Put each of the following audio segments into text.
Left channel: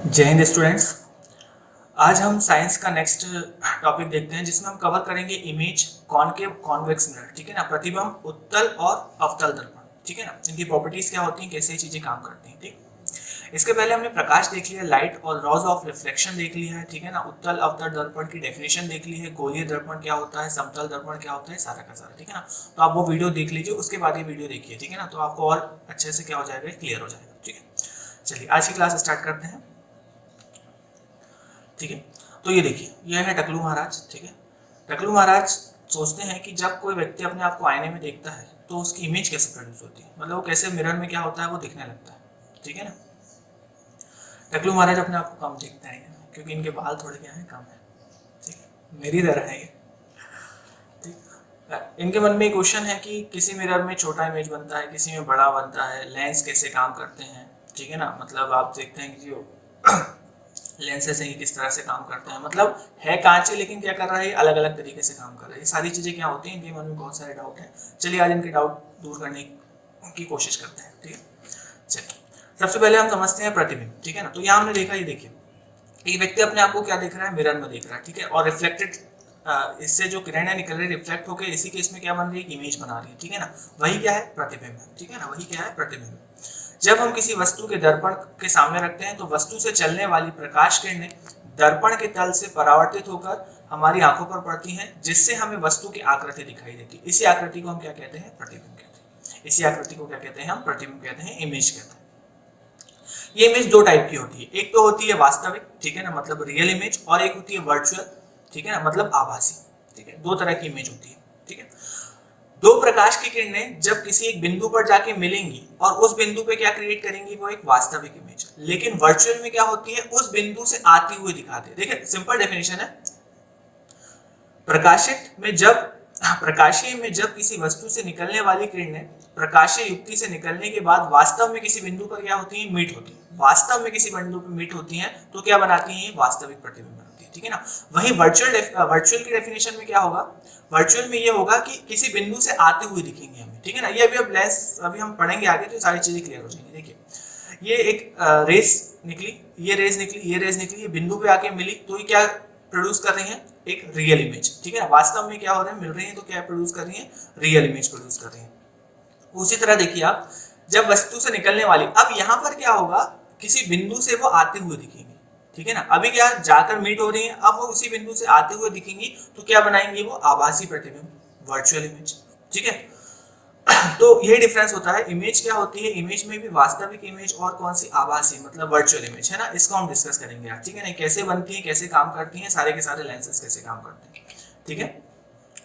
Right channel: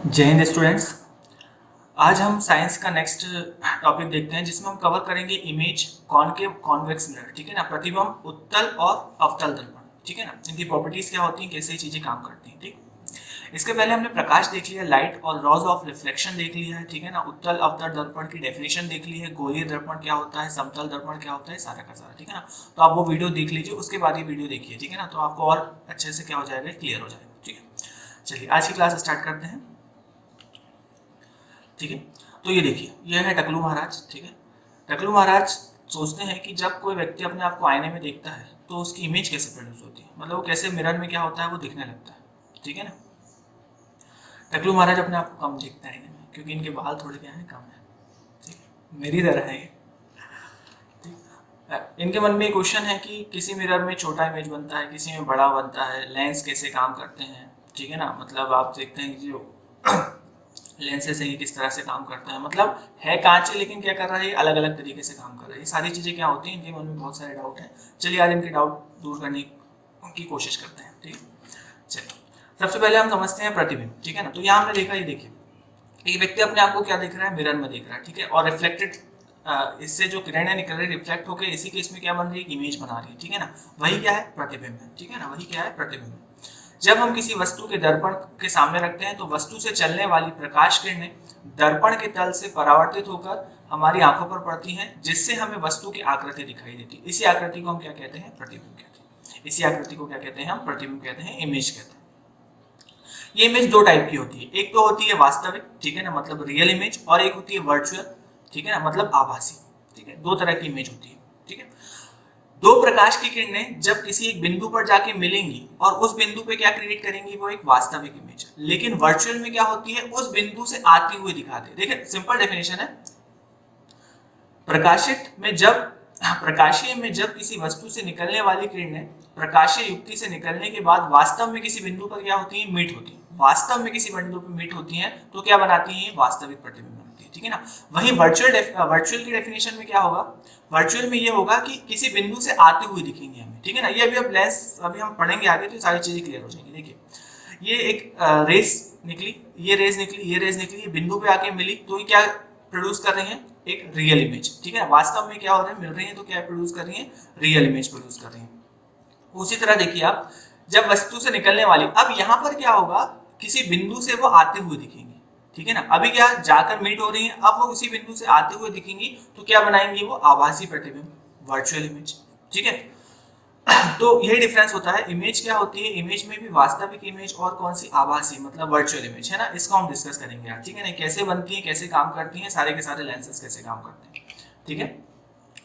जय हिंद स्टूडेंट्स। आज हम साइंस का नेक्स्ट टॉपिक देखते हैं जिसमें हम कवर करेंगे इमेज, कॉनकेव, कॉन्वेक्स मिरर। ठीक है ना, प्रतिबिंब, उत्तल और अवतल दर्पण। ठीक है ना, इनकी प्रॉपर्टीज क्या होती हैं, कैसे ये चीजें काम करती हैं। ठीक, इसके पहले हमने प्रकाश देख लिया, लाइट और लॉज ऑफ रिफ्लेक्शन देख लिया है। ठीक है ना, उत्तल अवतल दर्पण की डेफिनेशन देख ली है, गोलीय दर्पण क्या होता है, समतल दर्पण क्या होता है, सारा का सारा। ठीक है ना, तो आप वो वीडियो देख लीजिए, उसके बाद ये वीडियो देखिए। ठीक है ना, तो आपको और अच्छे से क्या हो जाएगा, क्लियर हो जाएगा। ठीक है, चलिए आज की क्लास स्टार्ट करते हैं। ठीक है, तो ये देखिए, ये है टकलू महाराज। ठीक है, टकलू महाराज सोचते हैं कि जब कोई व्यक्ति अपने आप को आईने में देखता है तो उसकी इमेज कैसे प्रोड्यूस होती है, मतलब वो कैसे मिरर में क्या होता है वो दिखने लगता है। ठीक है ना, टकलू महाराज अपने आप को कम देखते हैं आईने में क्योंकि इनके बाल थोड़े क्या है, कम है। ठीक है, मेरी तरह है ये। ठीक, इनके मन में एक क्वेश्चन है कि किसी मिरर में छोटा इमेज बनता है, किसी में बड़ा बनता है, लेंस कैसे काम करते हैं। ठीक है ना, मतलब आप देखते हैं कि जो लेंसेज हैं किस तरह से काम करते हैं, मतलब है कांच है लेकिन क्या कर रहा है, अलग अलग तरीके से काम कर रहा है। ये सारी चीजें क्या होती हैं, इनके मन में बहुत सारे डाउट हैं। चलिए आज इनके डाउट दूर करने की कोशिश करते हैं। ठीक है, चलिए सबसे पहले हम समझते हैं प्रतिबिंब। ठीक है ना, तो यहाँ हमने देखा, ये देखिए, एक व्यक्ति अपने आप को क्या देख रहा है, मिरर में देख रहा है। ठीक है, और रिफ्लेक्टेड, इससे जो किरणें निकल रही रिफ्लेक्ट होकर इसी केस में क्या बन रही है, इमेज बना रही है। ठीक है ना, वही क्या है, प्रतिबिंब है। ठीक है ना, वही क्या है, प्रतिबिंब। जब हम किसी वस्तु के दर्पण के सामने रखते हैं तो वस्तु से चलने वाली प्रकाश किरणें दर्पण के तल से परावर्तित होकर हमारी आंखों पर पड़ती हैं, जिससे हमें वस्तु की आकृति दिखाई देती है। इसी आकृति को हम क्या कहते हैं, प्रतिबिंब कहते हैं। इसी आकृति को क्या कहते हैं, हम प्रतिबिंब कहते हैं, इमेज कहते हैं। ये इमेज दो टाइप की होती है, एक तो होती है वास्तविक, ठीक है ना, मतलब रियल इमेज, और एक होती है वर्चुअल, ठीक है ना, मतलब आभासी। ठीक है, दो तरह की इमेज होती है। ठीक है, दो प्रकाश की किरणें जब किसी एक बिंदु पर जाके मिलेंगी और उस बिंदु पे क्या क्रिएट करेंगी, वो एक वास्तविक इमेज। लेकिन वर्चुअल में क्या होती है, उस बिंदु से आती हुई दिखाते हैं। देखिए सिंपल डेफिनेशन है, प्रकाशित में जब प्रकाशीय में जब किसी वस्तु से निकलने वाली किरणें प्रकाशीय युक्ति से निकलने के बाद वास्तव में किसी बिंदु पर क्या होती है, मीट होती है। वास्तव में किसी बिंदु पर मीट होती हैं तो क्या बनाती हैं, वास्तविक प्रतिबिंब बनाती है। ठीक है ना, वही वर्चुअल की डेफिनेशन में क्या होगा, वर्चुअल में ये होगा कि किसी बिंदु से आते हुए दिखेंगे हमें। ठीक है ना, ये अभी अब लेंस अभी हम पढ़ेंगे आगे तो सारी चीजें क्लियर हो जाएंगी। देखिए, ये एक रेस निकली, ये रेस निकली, ये रेस निकली, ये बिंदु पे आके मिली तो ये क्या प्रोड्यूस कर रही है, एक रियल इमेज। ठीक है ना, वास्तव में क्या हो रहा है, मिल रही है तो क्या प्रोड्यूस कर रही है, रियल इमेज प्रोड्यूस कर रही है। उसी तरह देखिए आप, जब वस्तु से निकलने वाली, अब यहाँ पर क्या होगा, किसी बिंदु से वो आते हुए दिखेंगे। ठीक है ना, अभी क्या जाकर मीट हो रही है, अब वो उसी बिंदु से आते हुए दिखेंगी तो क्या बनाएंगी, वो आभासी प्रतिबिंब, वर्चुअल इमेज। ठीक है, तो यही डिफरेंस होता है, इमेज क्या होती है, इमेज में भी वास्तविक इमेज और कौन सी, आभासी, मतलब वर्चुअल इमेज है ना, इसको हम डिस्कस करेंगे आज। ठीक है ना, कैसे बनती है, कैसे काम करती है, सारे के सारे लेंसेज कैसे काम करते हैं। ठीक है,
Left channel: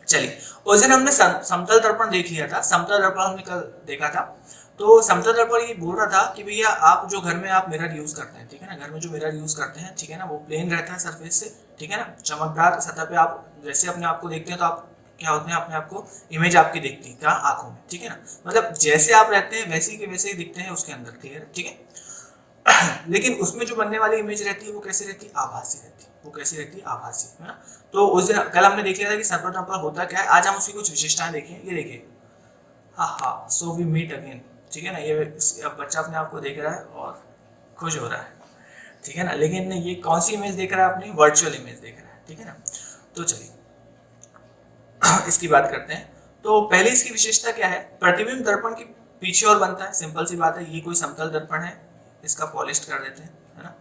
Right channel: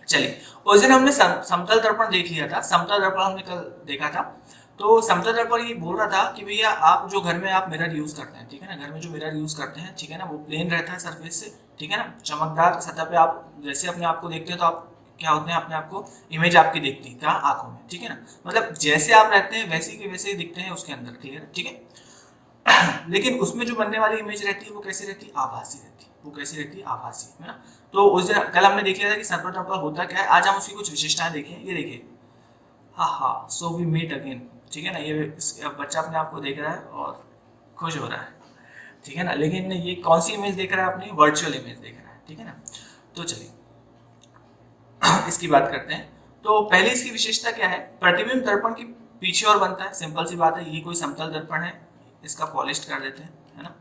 चलिए उस दिन हमने समतल दर्पण देख लिया था, समतल दर्पण हमने कल देखा था। तो समतल दर्पण ये बोल रहा था कि भैया आप जो घर में आप मिरर यूज करते हैं, ठीक है ना, घर में जो मिरर यूज करते हैं, ठीक है ना, वो प्लेन रहता है सरफेस से। ठीक है ना, चमकदार सतह पे आप जैसे अपने आप को देखते हैं तो आप क्या होते हैं, अपने आप को इमेज आपकी दिखती है, क्या, आंखों में। ठीक है ना, मतलब जैसे आप रहते हैं वैसे के वैसे ही दिखते हैं उसके अंदर, क्लियर। ठीक है, लेकिन उसमें जो बनने वाली इमेज रहती है वो कैसी रहती है, आभासी रहती है। वो कैसी रहती है, आभासी, है ना। तो उस दिन कल हमने देख लिया था कि समतल दर्पण होता क्या है, आज हम उसकी कुछ विशेषताएं देखें। ये देखिए, हाँ हाँ, सो वी मीट अगेन। ठीक है ना, ये बच्चा अपने आप को देख रहा है और खुश हो रहा है। ठीक है ना, लेकिन ये कौन सी इमेज देख रहा है, अपनी वर्चुअल इमेज देख रहा है। ठीक है ना, तो चलिए इसकी बात करते हैं। तो पहले इसकी विशेषता क्या है, प्रतिबिंब दर्पण की पीछे और बनता है, सिंपल सी बात है। ये कोई समतल दर्पण है, इसका पॉलिश कर देते हैं, है ना,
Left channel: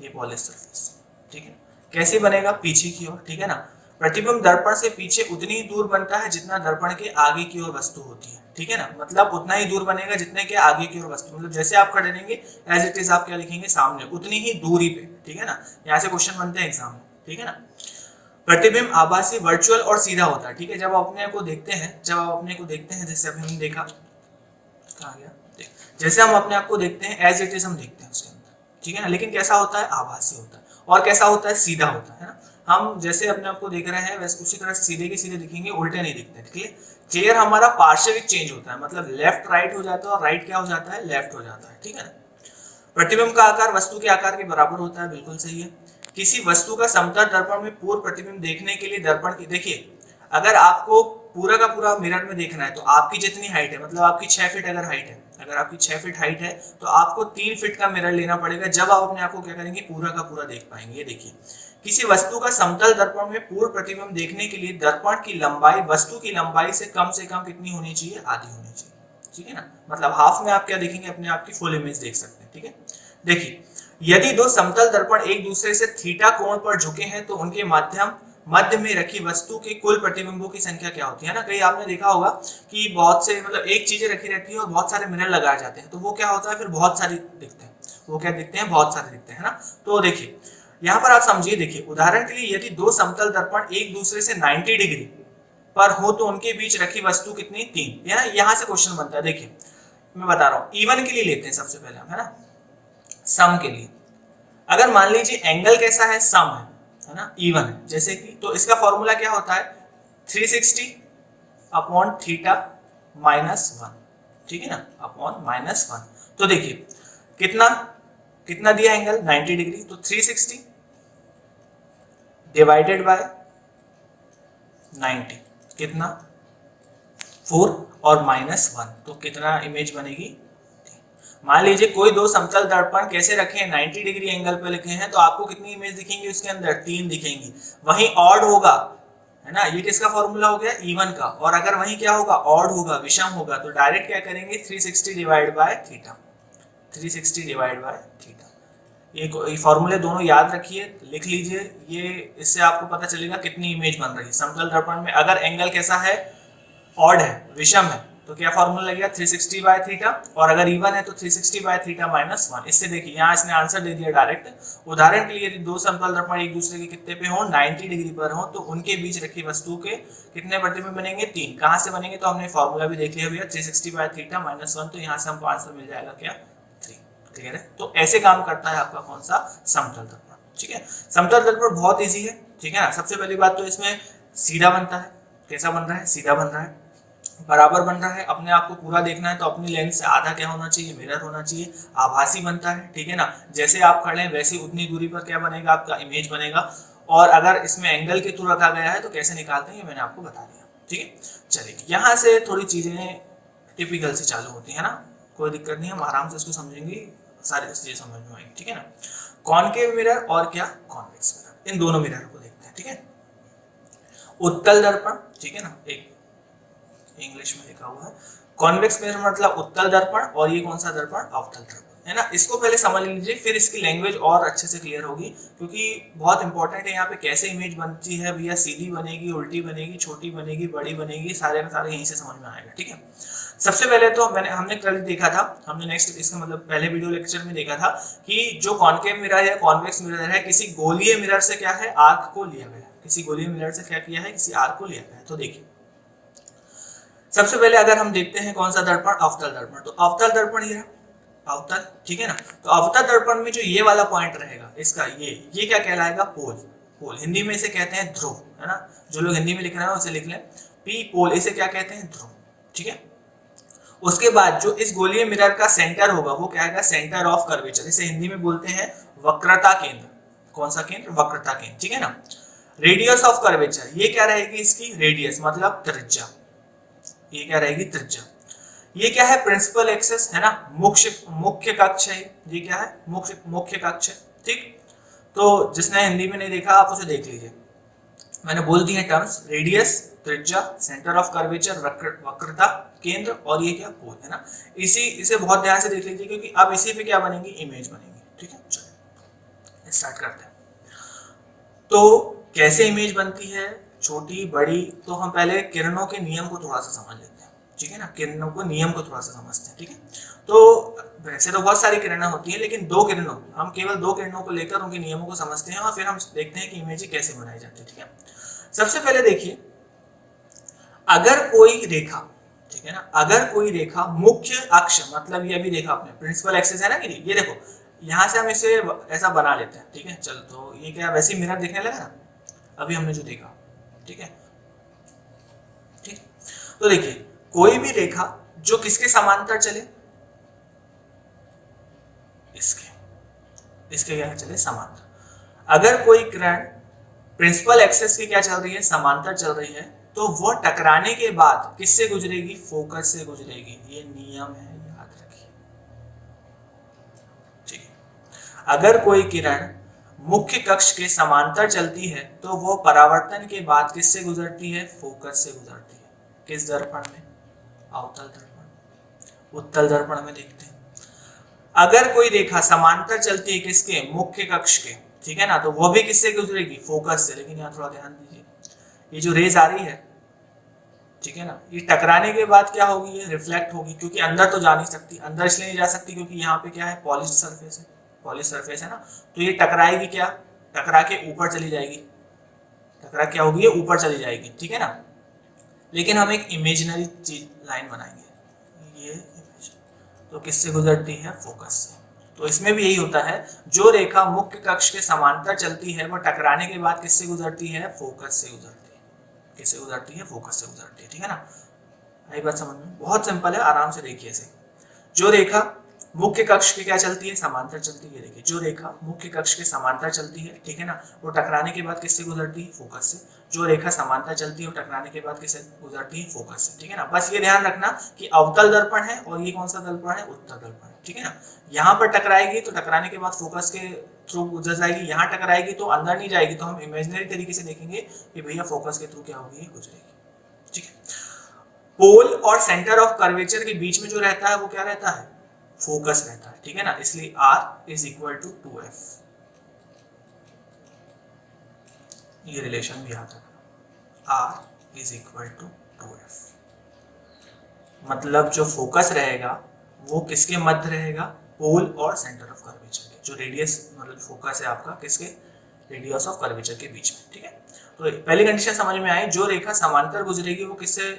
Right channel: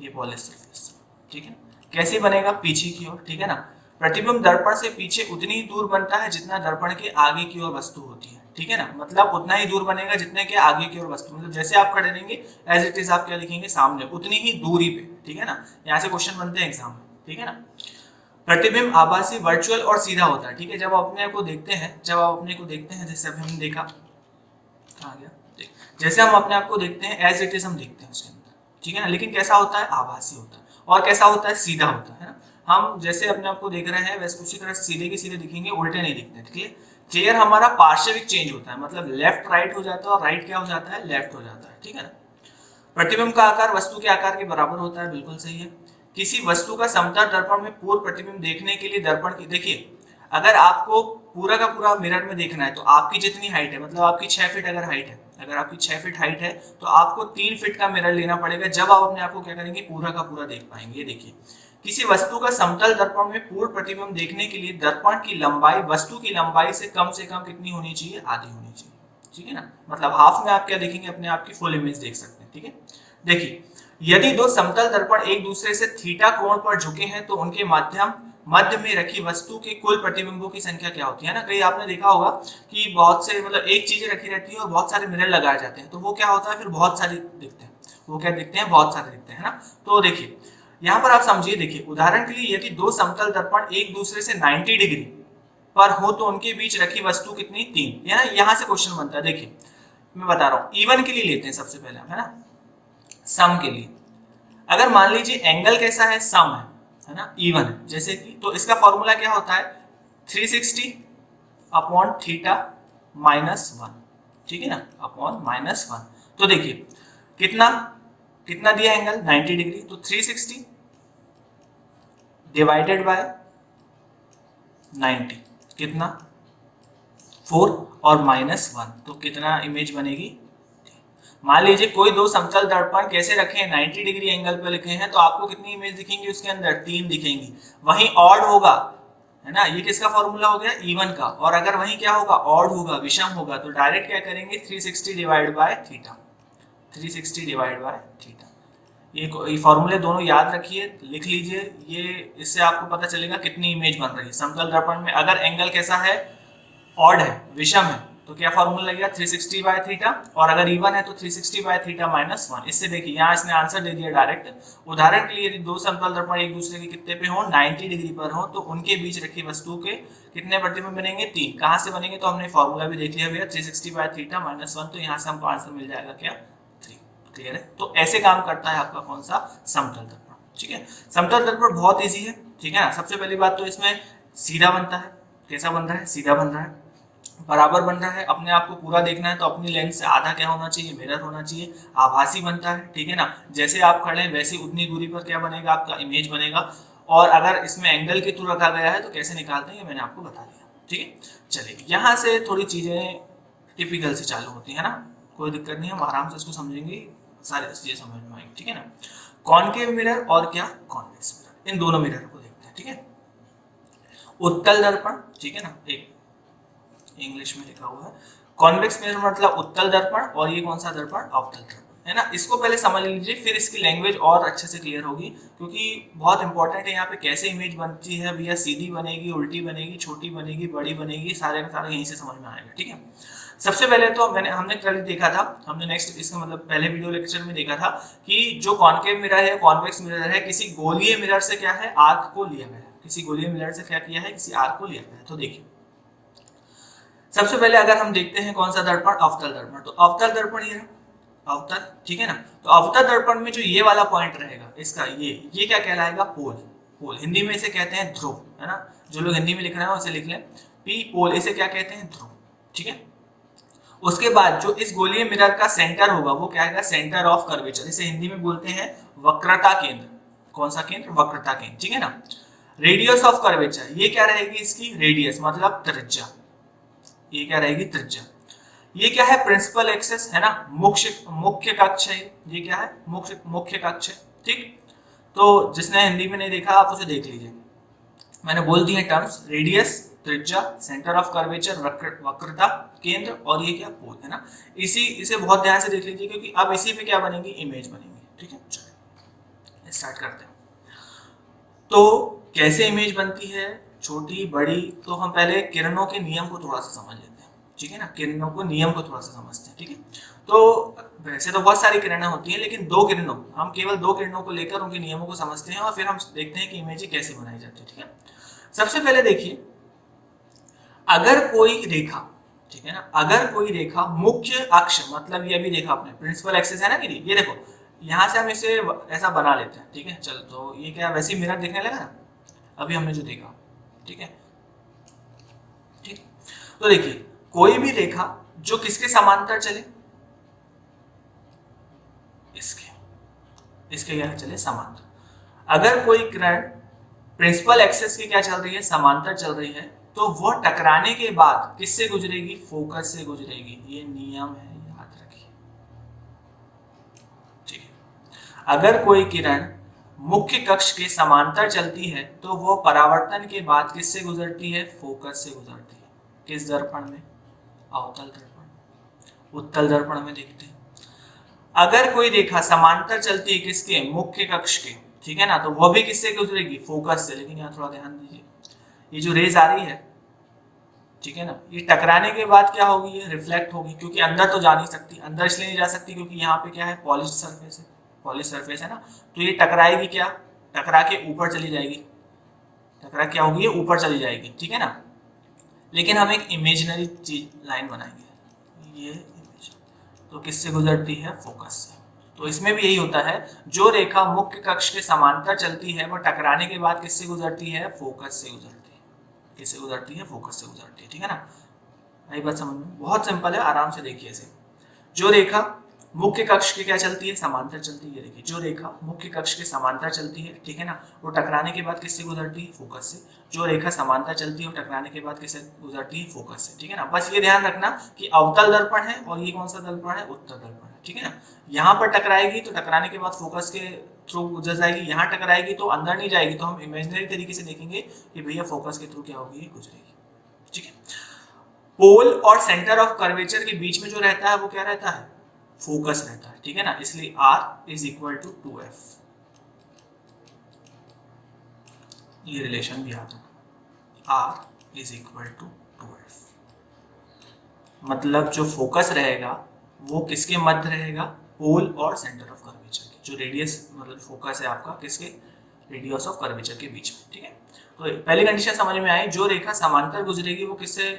ये पॉलिश सरफेस। ठीक है, कैसे बनेगा, पीछे की ओर। ठीक है ना, प्रतिबिंब दर्पण से पीछे उतनी ही दूर बनता है जितना दर्पण के आगे की ओर वस्तु होती है। ठीक है ना, मतलब उतना ही दूर बनेगा जितने के आगे की ओर वस्तु, मतलब जैसे आप खड़े रहेंगे एज इट इज आप क्या लिखेंगे, सामने, उतनी ही दूरी पे। ठीक है ना, यहाँ से क्वेश्चन बनते हैं एग्जाम में। ठीक है ना, प्रतिबिंब आभासी, वर्चुअल और सीधा होता है। ठीक है, जब आप अपने को देखते हैं, जब आप अपने को देखते हैं, जैसे अभी हमने देखा, कहाँ गया, जैसे हम अपने आप को देखते हैं एज इट इज हम देखते हैं उसके अंदर। ठीक है ना, लेकिन कैसा होता है, आभासी होता है। और कैसा होता है, सीधा होता है ना। हम जैसे अपने आप को देख रहे हैं वैसे उसी तरह से सीधे के सीधे दिखेंगे, उल्टे नहीं दिखते। ठीक है, क्लियर, हमारा पार्श्विक चेंज होता है, मतलब लेफ्ट राइट हो जाता है और राइट क्या हो जाता है, लेफ्ट हो जाता है। ठीक है ना, प्रतिबिंब का आकार वस्तु के आकार के बराबर होता है, बिल्कुल सही है। किसी वस्तु का समतल दर्पण में पूर्व प्रतिबिंब देखने के लिए दर्पण की, देखिए, अगर आपको पूरा का पूरा मिरर में देखना है तो आपकी जितनी हाइट है, मतलब आपकी 6 फीट अगर हाइट है, अगर आपकी 6 फीट हाइट है तो आपको 3 फीट का मिरर लेना पड़ेगा, जब आप अपने आप को क्या करेंगे, पूरा का पूरा देख पाएंगे। ये देखिए, किसी वस्तु का समतल दर्पण में पूर्ण प्रतिबिंब देखने के लिए दर्पण की लंबाई वस्तु की लंबाई से कम कितनी होनी चाहिए, आधी होनी चाहिए। ठीक है ना, मतलब हाफ में आप क्या देखेंगे, अपने आप की फुल इमेज देख सकते हैं। ठीक है, देखिए, यदि दो समतल दर्पण एक दूसरे से थीटा कोण पर झुके हैं तो उनके मध्य में रखी वस्तु के कुल प्रतिबिंबों की संख्या क्या होती है ना। कहीं आपने देखा होगा कि बहुत से, मतलब एक चीजें रखी रहती है और बहुत सारे मिरर लगाए जाते हैं, तो वो क्या होता है, फिर बहुत सारी दिखते हैं, वो क्या दिखते हैं, बहुत सारे दिखते हैं, है ना। तो देखिए यहाँ पर आप समझिए, देखिए उदाहरण के लिए यदि दो समतल दर्पण एक दूसरे से 90 डिग्री पर हो तो उनके बीच रखी वस्तु कितनी, 3, है ना। यहाँ से क्वेश्चन बनता है। देखिए मैं बता रहा हूँ, इवन के लिए लेते हैं सबसे पहले हम, है ना, सम के लिए। अगर मान लीजिए एंगल कैसा है, सम है ना, इवन है, जैसे कि, तो इसका फॉर्मूला क्या होता है, 360 अपॉन थीटा माइनस 1, ठीक है ना, अपॉन माइनस 1। तो देखिए कितना कितना दिया एंगल, 90 डिग्री, तो 360 डिवाइडेड बाय 90 कितना, 4 और माइनस 1, तो कितना इमेज बनेगी। मान लीजिए कोई दो समतल दर्पण कैसे रखे हैं, 90 डिग्री एंगल पे लिखे हैं, तो आपको कितनी इमेज दिखेंगी उसके अंदर, 3 दिखेंगी। वहीं ऑड होगा, है ना, ये किसका फॉर्मूला हो गया, इवन का। और अगर वहीं क्या होगा, ऑड होगा, विषम होगा, तो डायरेक्ट क्या करेंगे, 360 divide by theta, 360 divide by theta. ये फॉर्मूले दोनों याद रखिए, लिख लीजिए, ये इससे आपको पता चलेगा कितनी इमेज बन रही है समतल दर्पण में। अगर एंगल कैसा है, ऑड है, विषम है, तो क्या फॉर्मूला लगेगा, 360 बाय थीटा, और अगर इवन है तो 360 बाय थीटा माइनस 1। इससे देखिए यहाँ इसने आंसर दे दिया डायरेक्ट। उदाहरण के लिए यदि दो समतल दर्पण एक दूसरे के कितने पे हो, 90 डिग्री पर हो, तो उनके बीच रखी वस्तु के कितने प्रतिबिंब बनेंगे, 3। कहाँ से बनेंगे, तो हमने फॉर्मूला भी देख लिया भैया, 360 बाय थीटा माइनस 1, तो यहाँ से हमको आंसर मिल जाएगा क्या, 3। क्लियर है। तो ऐसे काम करता है आपका कौन सा, समतल दर्पण। ठीक है, समतल दर्पण बहुत ईजी है। ठीक है ना, सबसे पहली बात तो इसमें सीधा बनता है। कैसा बन रहा है, सीधा बन रहा है, बराबर बन रहा है। अपने आप को पूरा देखना है तो अपनी लेंस से आधा क्या होना चाहिए, मिरर होना चाहिए। आभासी बनता है, ठीक है ना, जैसे आप खड़े हैं वैसे उतनी दूरी पर क्या बनेगा, आपका इमेज बनेगा। और अगर इसमें एंगल के थ्रू रखा गया है तो कैसे निकालते हैं, ये मैंने आपको बता दिया। ठीक है, चलिए यहाँ से थोड़ी चीजें टिपिकल से चालू होती है ना, कोई दिक्कत नहीं, हम आराम से इसको समझेंगे, सारी चीजें समझ में आएंगी। ठीक है ना, कॉनकेव मिरर और क्या, कॉन्वेक्स मिरर, इन दोनों मिरर को देखते हैं। ठीक है, उत्तल दर्पण, ठीक है ना, एक इंग्लिश में लिखा हुआ है, कॉन्वेक्स मिरर मतलब उत्तल दर्पण, और ये कौन सा दर्पण, अवतल दर्पण, है ना। इसको पहले समझ लीजिए, फिर इसकी लैंग्वेज और अच्छे से क्लियर होगी, क्योंकि बहुत इंपॉर्टेंट है यहाँ पे कैसे इमेज बनती है भैया, सीधी बनेगी, उल्टी बनेगी, छोटी बनेगी, बड़ी बनेगी, सारे का सारे यहीं से समझ में आएगा। ठीक है, सबसे पहले तो हमने कल देखा था, हमने नेक्स्ट इसका मतलब पहले वीडियो लेक्चर में देखा था कि जो कॉनकेव मिरर है, कॉन्वेक्स मिरर है, किसी गोलीय मिरर से क्या है, आर्क को लिया गया है। किसी गोलीय मिरर से क्या किया है, किसी आर्क को लिया गया है। तो देखिए सबसे पहले अगर हम देखते हैं कौन सा दर्पण, अवतल दर्पण, तो अवतल दर्पण ये अवतल, ठीक है ना। तो अवतल दर्पण में जो ये वाला पॉइंट रहेगा इसका, ये क्या कहलाएगा, पोल। पोल हिंदी में इसे कहते हैं ध्रुव, है ना। जो लोग हिंदी में लिख रहे हैं उसे लिख लें, पी पोल, इसे क्या कहते हैं, ध्रुव। ठीक है, उसके बाद जो इस गोलीय मिरर का सेंटर होगा वो क्या है, सेंटर ऑफ कर्वेचर, इसे हिंदी में बोलते हैं वक्रता केंद्र। कौन सा केंद्र, वक्रता केंद्र। ठीक है ना, रेडियस ऑफ कर्वेचर, ये क्या रहेगी इसकी, रेडियस मतलब त्रिज्या, ये क्या रहेगी, त्रिज्या। ये क्या है, प्रिंसिपल एक्सेस, है ना, मुख्य कक्ष है। ये क्या है, मुख्य कक्ष है। ठीक, तो जिसने हिंदी में नहीं देखा आप उसे देख लीजिए, मैंने बोल दी है टर्म्स, रेडियस, त्रिज्या, सेंटर ऑफ कर्वेचर, वक्रता केंद्र, और ये क्या, पोल, है ना। इसे बहुत ध्यान से देख लीजिए, क्योंकि अब इसी पे क्या बनेगी, इमेज बनेगी। ठीक है, चलिए स्टार्ट करते हैं। तो कैसे इमेज बनती है, छोटी बड़ी, तो हम पहले किरणों के नियम को थोड़ा सा समझ लेते हैं। ठीक है ना, किरणों को नियम को थोड़ा सा समझते हैं। ठीक है, तो वैसे तो बहुत सारी किरणें होती हैं, लेकिन हम केवल दो किरणों को लेकर उनके नियमों को समझते हैं, और फिर हम देखते हैं कि इमेज कैसे बनाई जाती है। ठीक है, सबसे पहले देखिए, अगर कोई रेखा, ठीक है ना, अगर कोई रेखा मुख्य अक्ष, मतलब ये अभी देखा आपने प्रिंसिपल एक्सिस है ना, कि ये देखो यहाँ से हम इसे ऐसा बना लेते हैं। ठीक है, चलो, तो ये क्या वैसे मिरर दिखने लगा ना, अभी हमने जो देखा। ठीक है, ठीक, तो देखिए कोई भी रेखा जो किसके समांतर चले, इसके क्या चले, समांतर। अगर कोई किरण प्रिंसिपल एक्सिस की क्या चल रही है, समांतर चल रही है, तो वो टकराने के बाद किससे गुजरेगी? फोकस से गुजरेगी। ये नियम है, याद रखिए। ठीक है। अगर कोई किरण मुख्य कक्ष के समांतर चलती है तो वो परावर्तन के बाद किससे गुजरती है? फोकस से गुजरती है। किस दर्पण में? अवतल दर्पण। उत्तल दर्पण में देखते हैं। अगर कोई रेखा समांतर चलती है किसके? मुख्य कक्ष के, ठीक है ना, तो वो भी किससे गुजरेगी? फोकस से। लेकिन यहाँ थोड़ा ध्यान दीजिए, ये जो रेज आ रही है, ठीक है ना, ये टकराने के बाद क्या होगी? ये रिफ्लेक्ट होगी, क्योंकि अंदर तो जा नहीं सकती। अंदर इसलिए नहीं जा सकती क्योंकि यहाँ पे क्या है? पॉलिश सरफेस है। पॉलिश सरफेस है ना, तो ये टकराएगी क्या? टकरा के ऊपर चली जाएगी। टकरा क्या होगी? ये ऊपर चली जाएगी, ठीक है ना। लेकिन हम एक इमेजिनरी चीज लाइन बनाएंगे, ये इमेज, तो किससे गुजरती है? फोकस से। तो इसमें भी यही होता है, जो रेखा मुख्य कक्ष के समांतर चलती है वो टकराने के बाद किससे गुजरती है? फोकस से गुजरती है। किससे गुजरती है? फोकस से गुजरती है, ठीक है ना। आई बात समझ में? बहुत सिंपल है, आराम से देखिए इसे। जो रेखा मुख्य कक्ष के क्या चलती है? समांतर चलती है। देखिए, जो रेखा मुख्य कक्ष के समांतर चलती है, ठीक है ना, वो टकराने के बाद किससे गुजरती है? फोकस से। जो रेखा समांतर चलती है वो टकराने के बाद किससे गुजरती है? फोकस से, ठीक है ना। बस ये ध्यान रखना कि अवतल दर्पण है और ये कौन सा दर्पण है? उत्तल दर्पण है, ठीक है ना। यहाँ पर टकराएगी तो टकराने के बाद फोकस के थ्रू गुजर जाएगी। यहाँ टकराएगी तो अंदर नहीं जाएगी, तो हम इमेजिनरी तरीके से देखेंगे कि भैया फोकस के थ्रू क्या होगी? गुजरेगी, ठीक है। पोल और सेंटर ऑफ कर्वेचर के बीच में जो रहता है वो क्या रहता है? फोकस रहता है, ठीक है ना। इसलिए R is equal to 2F। ये रिलेशन भी याद रखना, R is equal to 2F। मतलब जो फोकस रहेगा वो किसके मध्य रहेगा? पोल और सेंटर ऑफ कर्वेचर के। जो रेडियस मतलब फोकस है आपका किसके? रेडियस ऑफ कर्वेचर के बीच में, ठीक है। तो पहली कंडीशन समझ में आई, जो रेखा समांतर गुजरेगी वो किससे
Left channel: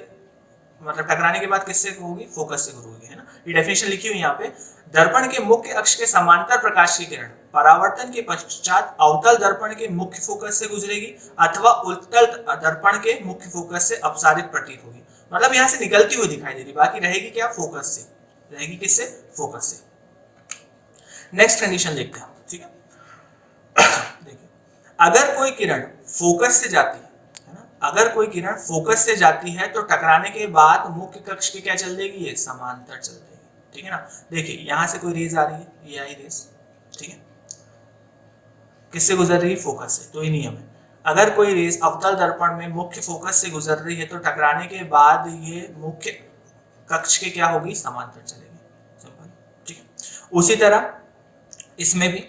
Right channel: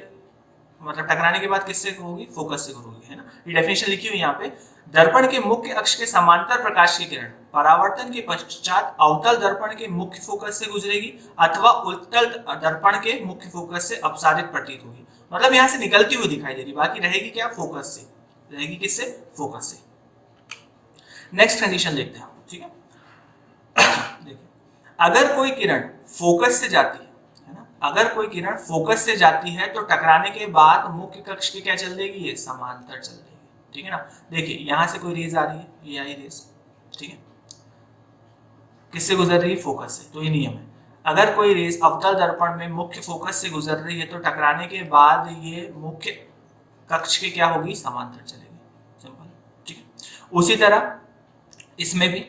मतलब टकराने के बाद किससे होगी? फोकस से होगी, है ना। ये डेफिनेशन लिखी हुई यहाँ पे। दर्पण के मुख्य अक्ष के समांतर प्रकाश की किरण परावर्तन के पश्चात अवतल दर्पण के मुख्य फोकस से गुजरेगी अथवा उत्तल दर्पण के मुख्य फोकस से अपसारित प्रतीत होगी। मतलब यहाँ से निकलती हुई दिखाई दे रही, बाकी रहेगी क्या? फोकस से। रहेगी किससे? फोकस से। नेक्स्ट कंडीशन देखते हैं, ठीक है। देखिए, अगर कोई किरण फोकस से जाती है ना, अगर कोई किरण फोकस से जाती है तो टकराने के बाद मुख्य कक्ष की क्या चल देगी? ये समांतर चल देगी, ठीक है ना। देखिए, यहां से कोई रेज आ रही है, ये आई रेज, ठीक है, किससे गुजर रही है? फोकस से। तो ये नियम है, अगर कोई रेज अवतल दर्पण में मुख्य फोकस से गुजर रही है तो टकराने के बाद ये मुख्य कक्ष के क्या होगी? समांतर चलेगी। सिंपल, ठीक है। उसी तरह इसमें भी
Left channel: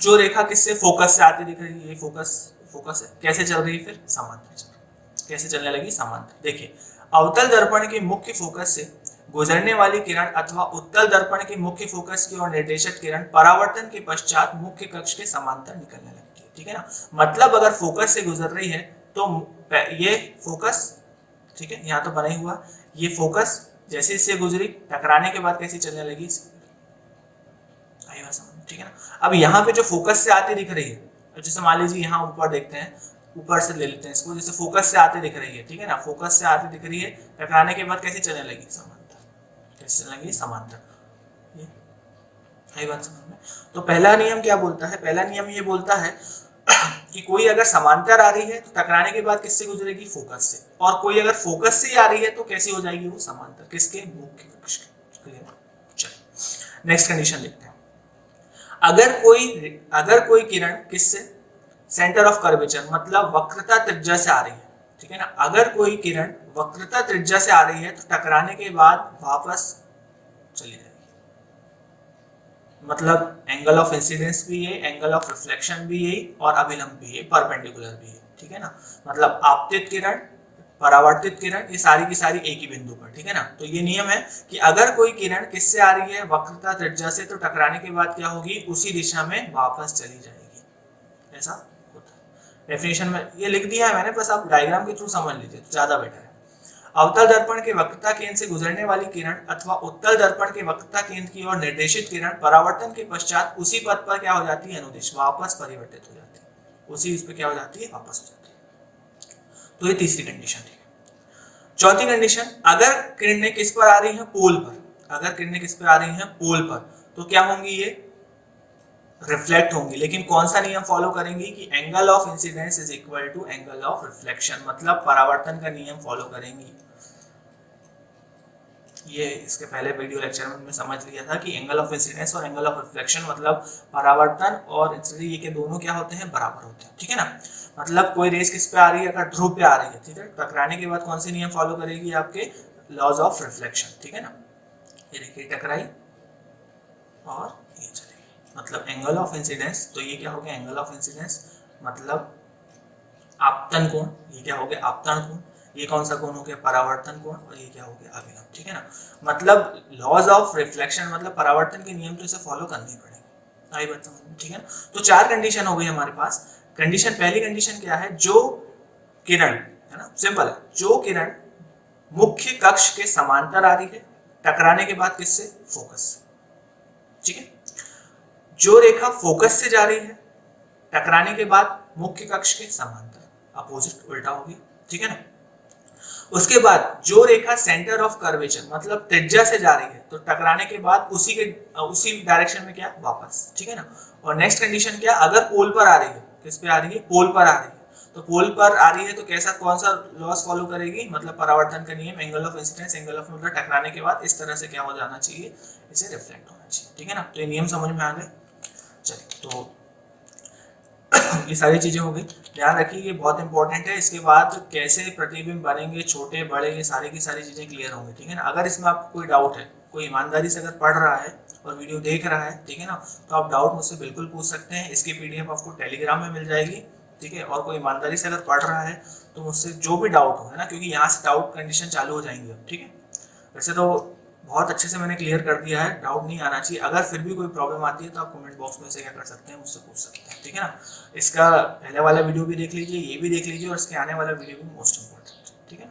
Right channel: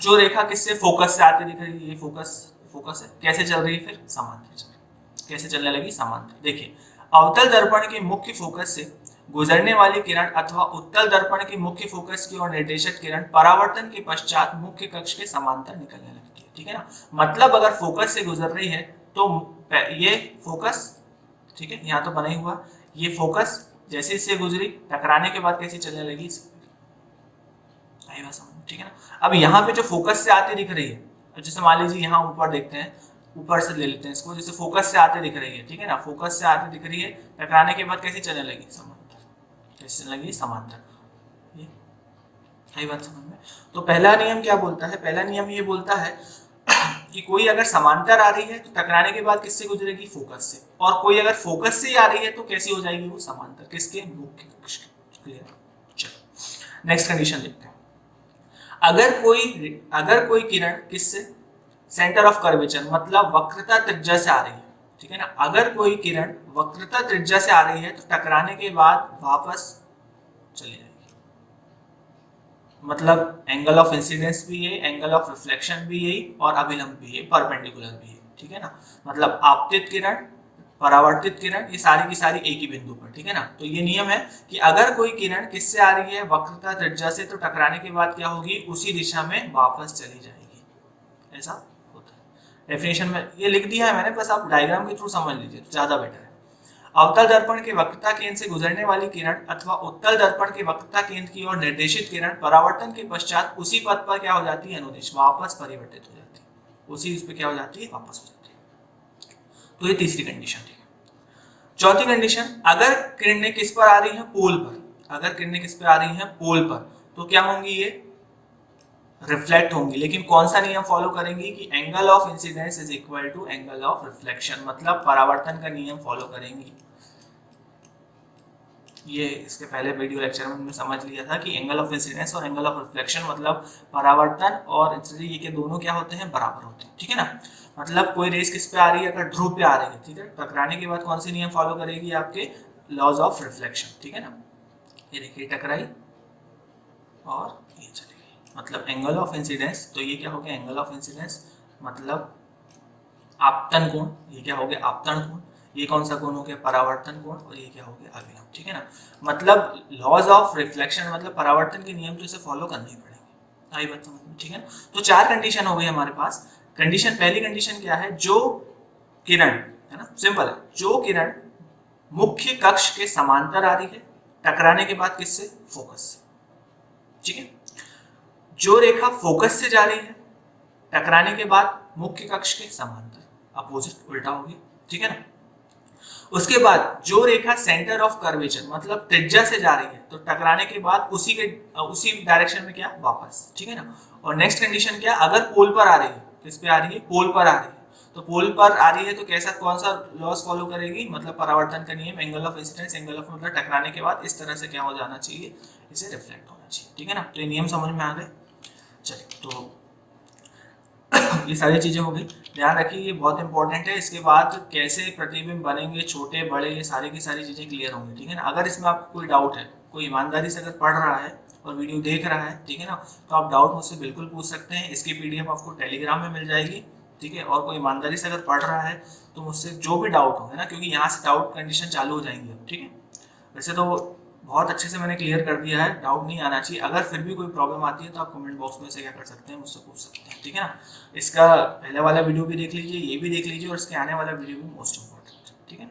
जो रेखा किससे? फोकस से आती दिख रही है, ये फोकस है, कैसे चल रही है? फिर समांतर चल रही है। कैसे चलने लगी? समांतर। देखिए, अवतल दर्पण के मुख्य फोकस से गुजरने वाली किरण अथवा उत्तल दर्पण के मुख्य फोकस की ओर निर्देशित किरण परावर्तन के पश्चात मुख्य कक्ष के समांतर निकलने लगती है, ठीक है ना। मतलब अगर फोकस से गुजर रही है तो ये फोकस, ठीक है, यहाँ तो बना ही हुआ, ये फोकस जैसे इससे गुजरी टकराने के बाद कैसे चलने लगी? ठीक है ना। अब यहाँ पे जो फोकस से आते दिख रही है, जैसे मान लीजिए यहाँ ऊपर देखते हैं, ऊपर से ले लेते हैं इसको, जैसे फोकस से आते दिख रही है, ठीक है ना, फोकस से आते दिख रही है, टकराने के बाद कैसे चलने लगी? समांतर। कैसे चलने लगी? समांतर। ये है बात समझ में। तो पहला नियम क्या बोलता है? पहला नियम ये बोलता है कि कोई अगर समांतर आ रही है तो टकराने के बाद किससे गुजरेगी? फोकस से। और कोई अगर फोकस से आ रही है तो कैसी हो जाएगी वो? समांतर। किसके? मुख्य कक्ष के। क्लियर? चलो नेक्स्ट कंडीशन देखते हैं। अगर कोई किरण किससे? सेंटर ऑफ कर्वेचर मतलब वक्रता त्रिज्या से आ रही है, ठीक है ना। अगर कोई किरण वक्रता त्रिज्या से आ रही है तो टकराने के बाद वापस चली जाएगी। मतलब एंगल ऑफ इंसिडेंस भी है, एंगल ऑफ रिफ्लेक्शन भी यही, और अभिलंब भी है, परपेंडिकुलर भी है, ठीक है ना। मतलब आपतित किरण, परावर्तित किरण, ये सारी की सारी एक ही बिंदु पर, ठीक है ना। तो ये नियम है कि अगर कोई किरण किससे आ रही है? वक्रता त्रिज्या से, तो टकराने के बाद क्या होगी? उसी दिशा में वापस चली जाएगी। ऐसा होता है। डेफिनेशन में ये लिख दिया है मैंने, बस आप डायग्राम के थ्रू समझ लीजिए तो ज्यादा बेटर है। अवतल दर्पण के वक्रता केंद्र से गुजरने वाली किरण अथवा उत्तल दर्पण के वक्रता केंद्र की ओर निर्देशित किरण परावर्तन के पश्चात उसी पथ पर क्या हो जाती है? अनुदिश, वापस परिवर्तित हो जाती है। उसी उस पर क्या हो जाती है? वापस हो जाती है। तो ये तीसरी कंडीशन थी। चौथी कंडीशन, अगर किरणें किस पर आ रही हैं? पोल पर। अगर किरणें किस पर आ रही हैं? पोल पर, तो क्या होंगी? ये रिफ्लेक्ट होंगी, लेकिन कौन सा नियम फॉलो करेंगी कि angle of incidence is equal to angle of reflection, मतलब परावर्तन का नियम फॉलो करेंगी। ये इसके पहले वीडियो लेक्चर में हमने समझ लिया था कि एंगल ऑफ इंसिडेंस और एंगल ऑफ रिफ्लेक्शन मतलब परावर्तन और इंसिडेंस ये के दोनों क्या होते हैं, बराबर होते हैं, ठीक है ना। मतलब कोई रेस किस पे आ रही है, अगर ध्रुव पे आ रही है, ठीक है, टकराने के बाद कौन से नियम फॉलो करेगी, आपके लॉज ऑफ रिफ्लेक्शन, ठीक है ना। ये देखिए टकराई और ये चलेगी, मतलब एंगल ऑफ इंसिडेंस, तो ये क्या हो गया एंगल ऑफ इंसिडेंस, मतलब आपतन कोण, ये क्या हो गया आपतन कोण, ये कौन सा कोण हो गया परावर्तन कोण, और ये क्या हो गया अभिलंब, ठीक है ना। मतलब लॉज ऑफ रिफ्लेक्शन मतलब परावर्तन के नियम तो इसे फॉलो करने ही पड़ेंगे, आई बात समझ में, ठीक है ना। तो चार कंडीशन हो गई हमारे पास। कंडीशन, पहली कंडीशन क्या है, जो किरण, है ना, सिंपल है, जो किरण मुख्य कक्ष के समांतर आ रही है, टकराने के बाद किससे, फोकस से, ठीक है। जो रेखा फोकस से जा रही है, टकराने के बाद मुख्य कक्ष के समांतर, अपोजिट उल्टा हो गया, ठीक है ना। उसके बाद जो रेखा सेंटर ऑफ कर्वेचर मतलब त्रिज्या से जा रही है, तो टकराने के बाद उसी डायरेक्शन में क्या, वापस, ठीक है ना। और नेक्स्ट कंडीशन क्या, अगर पोल पर आ रही है, किस पे आ रही है, पोल पर आ रही है, तो पोल पर आ रही है तो कैसा, कौन सा लॉस फॉलो करेगी, मतलब परावर्तन का नियम, angle of incidence, angle of मतलब टकराने के बाद इस तरह से क्या हो जाना चाहिए, इसे रिफ्लेक्ट होना चाहिए, ठीक है ना। तो ये नियम समझ में आ गए। चलिए, तो ये सारी चीजें हो गई, ध्यान रखिए ये बहुत इंपॉर्टेंट है। इसके बाद कैसे प्रतिबिंब बनेंगे, छोटे बड़े, ये सारी की सारी चीजें क्लियर होंगी, ठीक है ना। अगर इसमें आपको कोई डाउट है, कोई ईमानदारी से अगर पढ़ रहा है और वीडियो देख रहा है, ठीक है ना, तो आप डाउट मुझसे बिल्कुल पूछ सकते हैं। इसकी पीडीएफ आपको टेलीग्राम में मिल जाएगी, ठीक है। और कोई ईमानदारी से अगर पढ़ रहा है तो मुझसे जो भी डाउट हो, है ना, क्योंकि यहाँ से डाउट कंडीशन चालू हो जाएंगी अब, ठीक है। वैसे तो बहुत अच्छे से मैंने क्लियर कर दिया है, डाउट नहीं आना चाहिए। अगर फिर भी कोई प्रॉब्लम आती है तो आप कमेंट बॉक्स में से क्या कर सकते हैं, मुझसे पूछ सकते हैं, ठीक है ना। इसका पहले वाला वीडियो भी देख लीजिए, ये भी देख लीजिए, और इसके आने वाला वीडियो भी मोस्ट इंपॉर्टेंट है, ठीक है।